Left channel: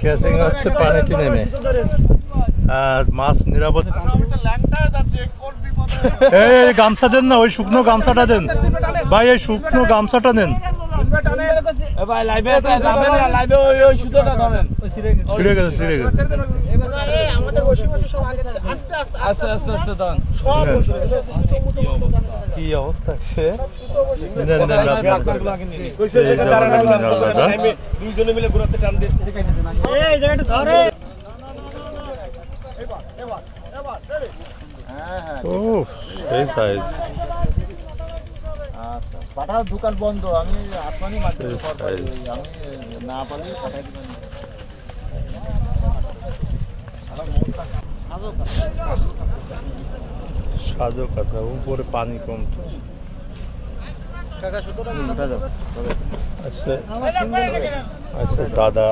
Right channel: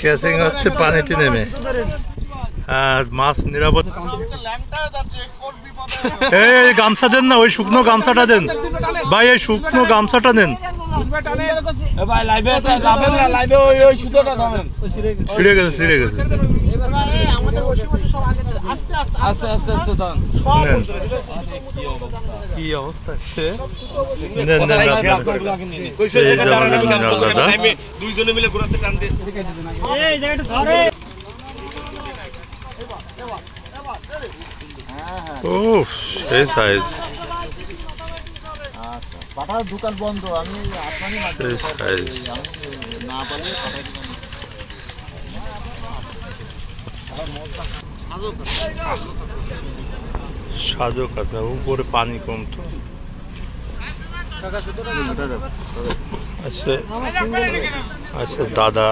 Catching হচ্ছে পানিতে নেমে, আর মাছ নিরাপদ। এই গামছা দেন না, ওই শুকনো গামছাটা দেন ভাই, এই শুকনো গামছাটা দেন। ছিঁড়ে গেছে, ছিঁড়ে গেছে। কি অবস্থা সে, দেন দেন দাদা। দুইজনে মিলে ঘুরাতে টান দিয়ে এই সাইজ। পাঠার দোকান বন্ধ, আমি আপনারই না পারি সাজো কাকা, উপরে পানি কম তো। আচ্ছা আচ্ছা দাদা,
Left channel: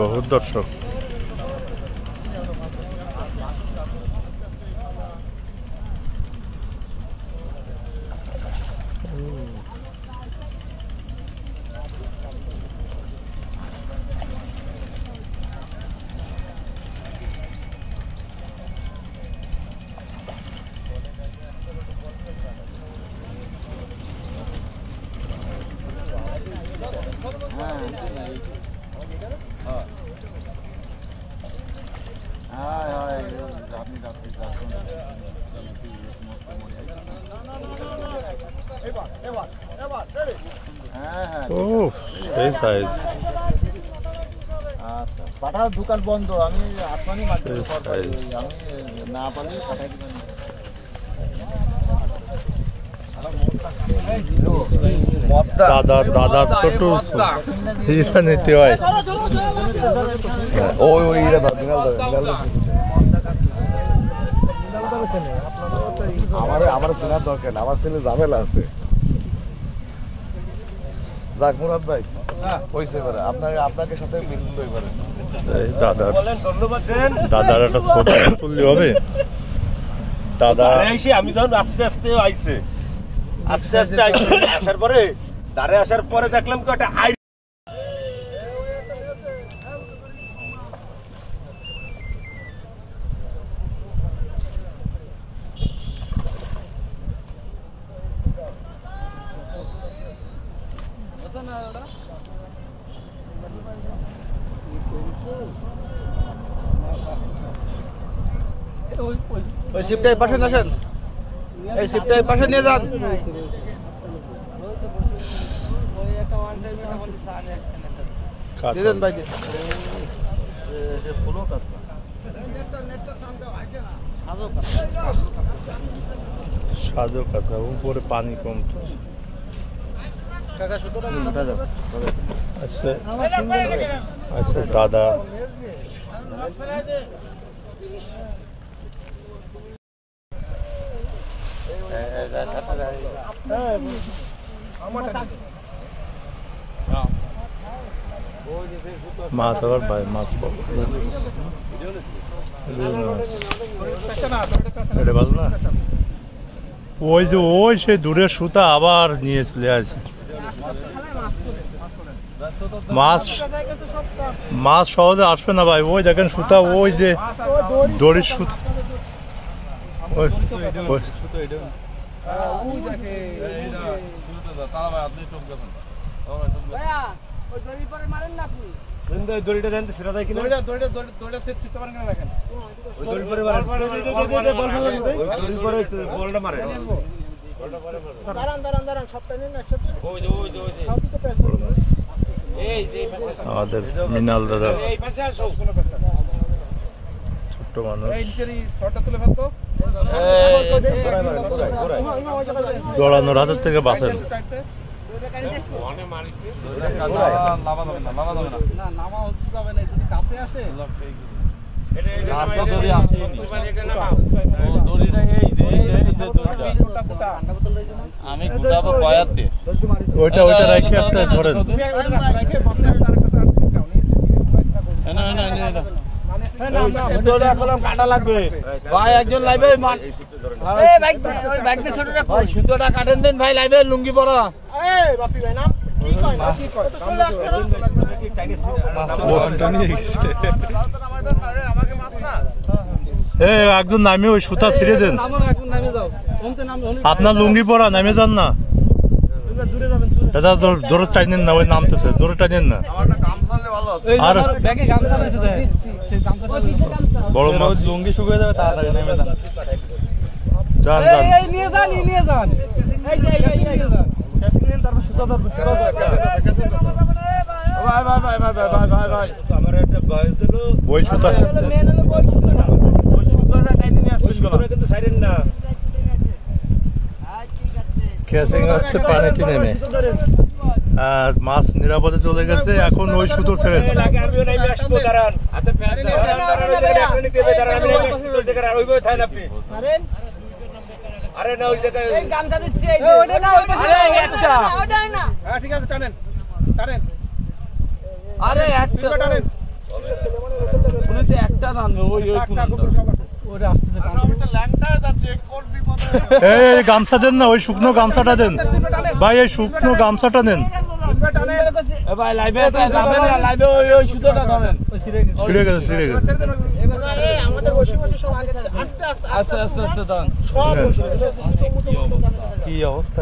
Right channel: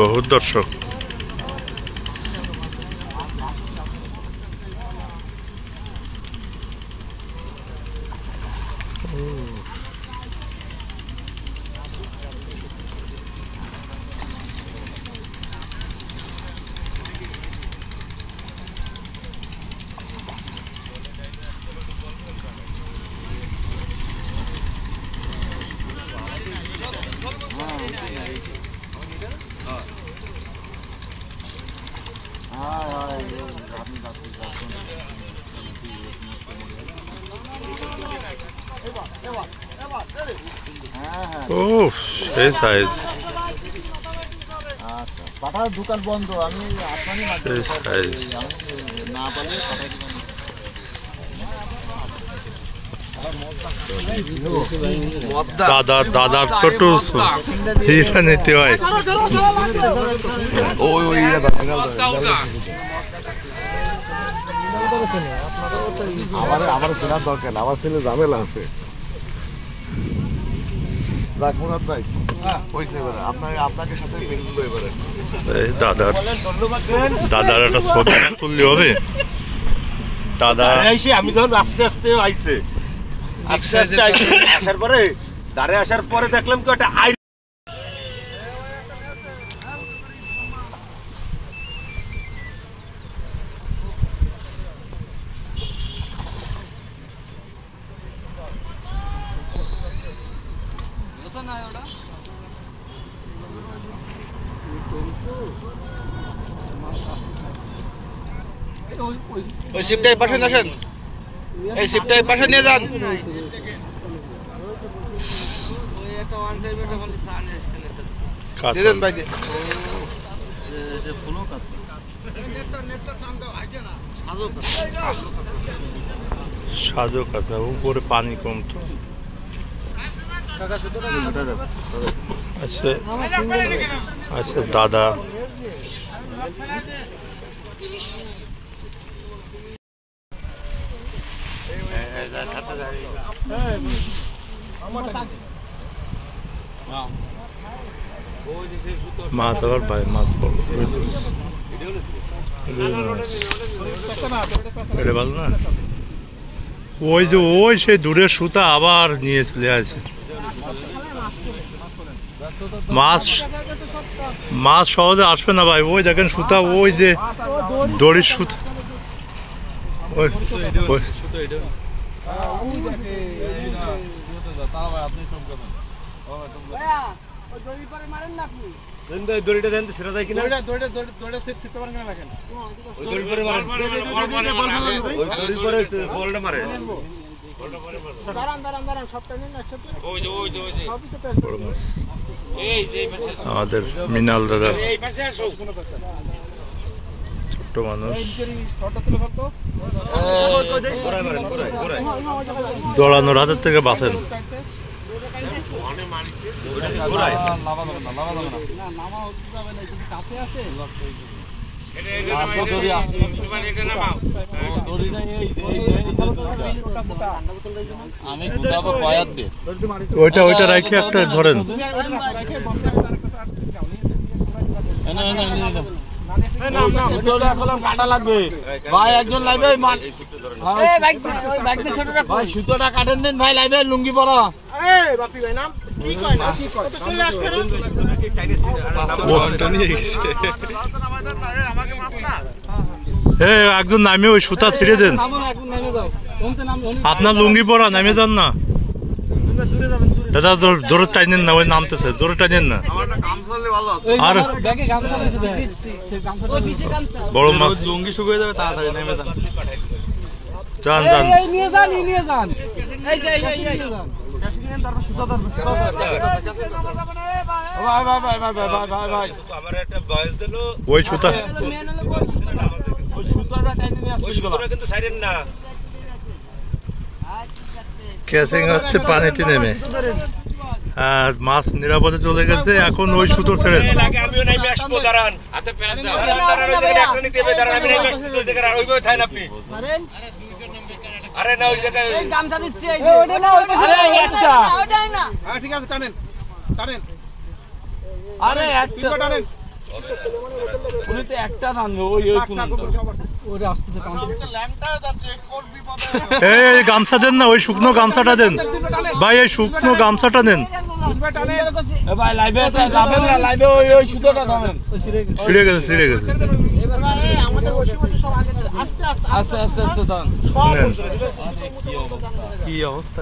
বহুত দর্শক। এই সাইজ। পাঠার দোকান বন্ধ, আমি আপনারই না পারি দাদার দাদার তো হিসা নিতে হয়। আমার চেনার দরকার, আমার ছেলে ঝামেলা আছে। যাক মুরাদ ভাই, আপনাকে সাথে মিললো এবারে। দাদার দাদার একটা ছবি তুললে হবে। দাদা আমি যখন আস্তে আস্তে আইছে, আস্তে আস্তে আসার পরে ধারে আসার পরে দেখলাম কি একটা ওই শিপটা এই পাশে আসেন, এই শিপটা এই পাশে নিয়ে যান। সাজো কাকা, উপরে পানি কম তো। আচ্ছা আচ্ছা দাদা, মাছ আবার ভাই মাছ এটা ভালো না। ওই যে ওই সেই দূরের সুতা আবার নিয়ে চলে আসে। মাছ মাছ সহজে আসবে না ভাই, ওই দেখেন সুতা, ওই যে দড়ির সুতা, ওই দড়িটা দেন সেটা যায় কিনা, বলটা মারে। আমাদের মিনাল দাদা ছোট্ট মানুষ, জড়ানোর হাতের থেকে বাঁচেন। আমি গুটাবো কয়াত দিয়ে, ওইটা ওইটা রাখি একটা ধরেন। কাটা লাগবে ভাই, একজন লাইবে সুতোটা কাটেন দেন ভাই, লাইবে লুঙ্গি পরা। একজন নামে ওই সুতা ছিঁড়ে দেন, আপনার লুঙ্গি পরা, নামে যান না দাদা, জোরে টাইনেন না, ওই নামতেছে, জোরে টাইনেন না। আর বড় মাছ লুঙ্গি শুকিয়ে যাবে, তাড়াতাড়ি নেমে যান, যান যান। ওই সুতা কিন্তু সাইরেন না, ক্যাচিং হচ্ছে পানিতে নেমে, আর মাছ নিরাপদে চলে গেছে। এখন ওই সুতো ছেড়ে আমিও নাইমে আসবো, দাঁড়ান আপনি। আরে না, ওই জায়গায় ঠিক আছে, টানেন টানেন। আরে একটা টানবে, এই গামছা দেন না, ওই শুকনো গামছাটা দেন ভাই, এই শুকনো গামছাটা দেন। ছিঁড়ে গেছে, ছিঁড়ে গেছে, আস্তে আস্তে আস্তে কি অবস্থা।